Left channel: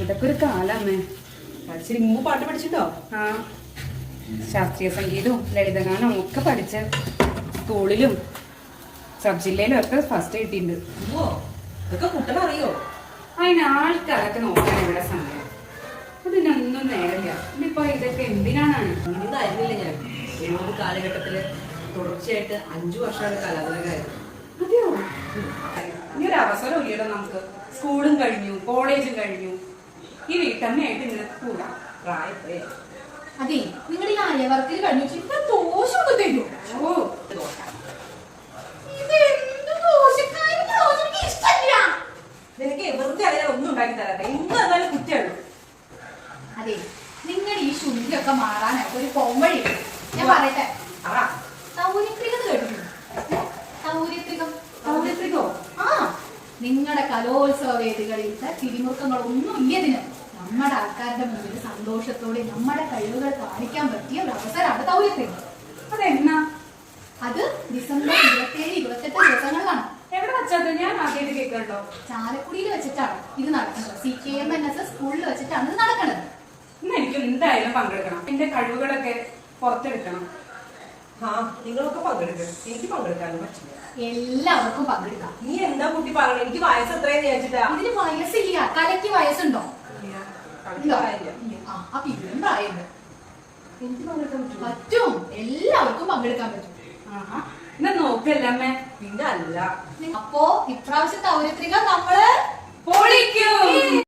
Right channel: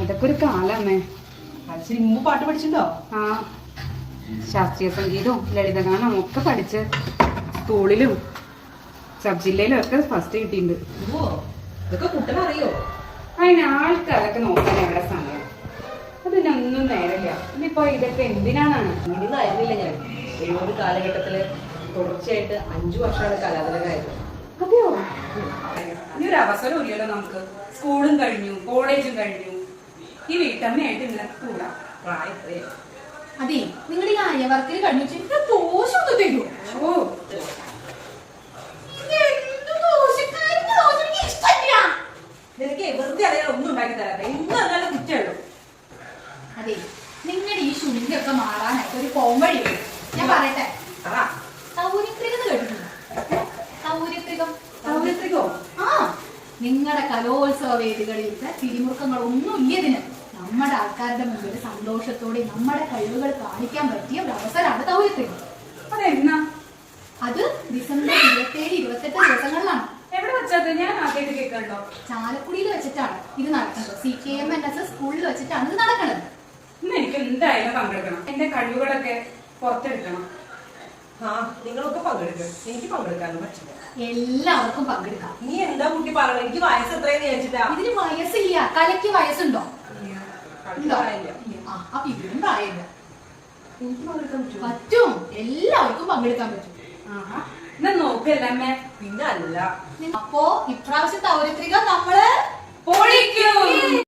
അതൊക്കെ ഒരു കാലമ്മേ. പാട്ട് പഠിച്ചിട്ടുണ്ടോ? ആ, ശാസ്ത്രീയ സംഗീതവും ലളിതഗാനവും ഒക്കെ പഠിച്ച് സ്കൂളിലും സബ് ജില്ലയിലും ഒക്കെ ഫസ്റ്റ് കിട്ടിയിട്ടുണ്ട്. ഇതൊക്കെ കുട്ടനറിയോ? അതിന് ആൾക്ക് അതൊക്കെ നോക്കാൻ എവിടെ സമയം? അതിനൊന്നും നേരമില്ല. ഇനിയിപ്പോ ഇതൊക്കെ എന്തിനാണ്? ഇതൊന്നും അറിയില്ല. ഞാൻ ഒരു കാലഘട്ടത്തില് തുടർച്ചയായിട്ട് 5 വർഷമാണ് കലാകാരനായത്. അതെയോ? ഇനി ഒരു അവസരം ഇല്ലല്ലോ നമുക്ക്. സ്കൂളും കഴിഞ്ഞു, കോളേജും കഴിഞ്ഞു. ഈ വീട്ടമ്മയായിട്ട് ഇങ്ങനെ കൂടാം. പ്രായത്രേ. അതെ, നിങ്ങൾ ഈ അയവർക്കിൽ കഴിഞ്ഞു വെച്ചിട്ട് ദോശമൊക്കെ തരൂ. ഓ, നിനക്ക് വെറുതെ അറിയാൻ ഒന്നും ഉണ്ടാക്കി തരാതെ എന്നും എന്നാലും കുറ്റുള്ളൂ. അതെ, നിങ്ങളുടെ ഈ ശുദ്ധിയൊക്കെ മാറാനായിട്ട് ഒരു പോംവഴി ഞാൻ പറയട്ടെ. സൗരത്രികം കേട്ടിട്ടുണ്ടോ? സൗരത്രികോ? ആ, നിങ്ങളുടെ കലോത്സവ വേദികളിലത്തെ തിരിമുറുക്കങ്ങളൊന്നും ഇല്ലതിന് നമ്മുടെ ആൾക്കാരുടെ മുന്നിൽ സന്തോഷത്തോടെ നമ്മുടെ കഴിവുകൾ കാണിക്കാൻ പറ്റിയ ഒരു അവസരമാണ് സൗരത്രികം. അതെന്നാ? അത് ഡിസംബർ 27, 28 ദിവസങ്ങളിലാണ്. എവിടെ വെച്ചത്? ഞാൻ ആദ്യമായിട്ട് കേൾക്കട്ടോ. ചാലക്കുടിയിൽ വെച്ചിട്ടാണ് ഇത് നടക്കുന്നത്. CKMNS സ്കൂളിൽ വെച്ചിട്ടാണ് ഇത് നടക്കുന്നത്. ഇന്ന് എനിക്ക് എന്തായാലും പങ്കെടുക്കണം. എന്റെ കഴിവുകളൊക്കെ പുറത്തെടുക്കണം. ആ, നിങ്ങളൊക്കെ പങ്കെടുക്കും. എനിക്ക് പങ്കെടുക്കാനും പറ്റില്ല. എല്ലാവർക്കും പങ്കെടുക്കാം. നീ എന്താ കുട്ടി പറയണേ? എനിക്ക് വയസ്സ് എത്രയെന്ന് വിചാരിച്ചിട്ടാ? ഇതിന് വയസ്സില്ല. കലയ്ക്ക് വയസ്സുണ്ടോ? പ്രായമില്ല. അപ്പൊ ഇതിനും പ്രായമില്ല. എനിക്ക് പങ്കെടുക്കാൻ പറ്റും. എല്ലാവർക്കും പങ്കെടുക്കാൻ പറ്റും. എന്നാ നോക്കല്ലേ? പിന്നെ അല്ല. അപ്പോ ഇപ്രാവശ്യം സൗരത്രിക നമ്മള് പൊളിക്കും.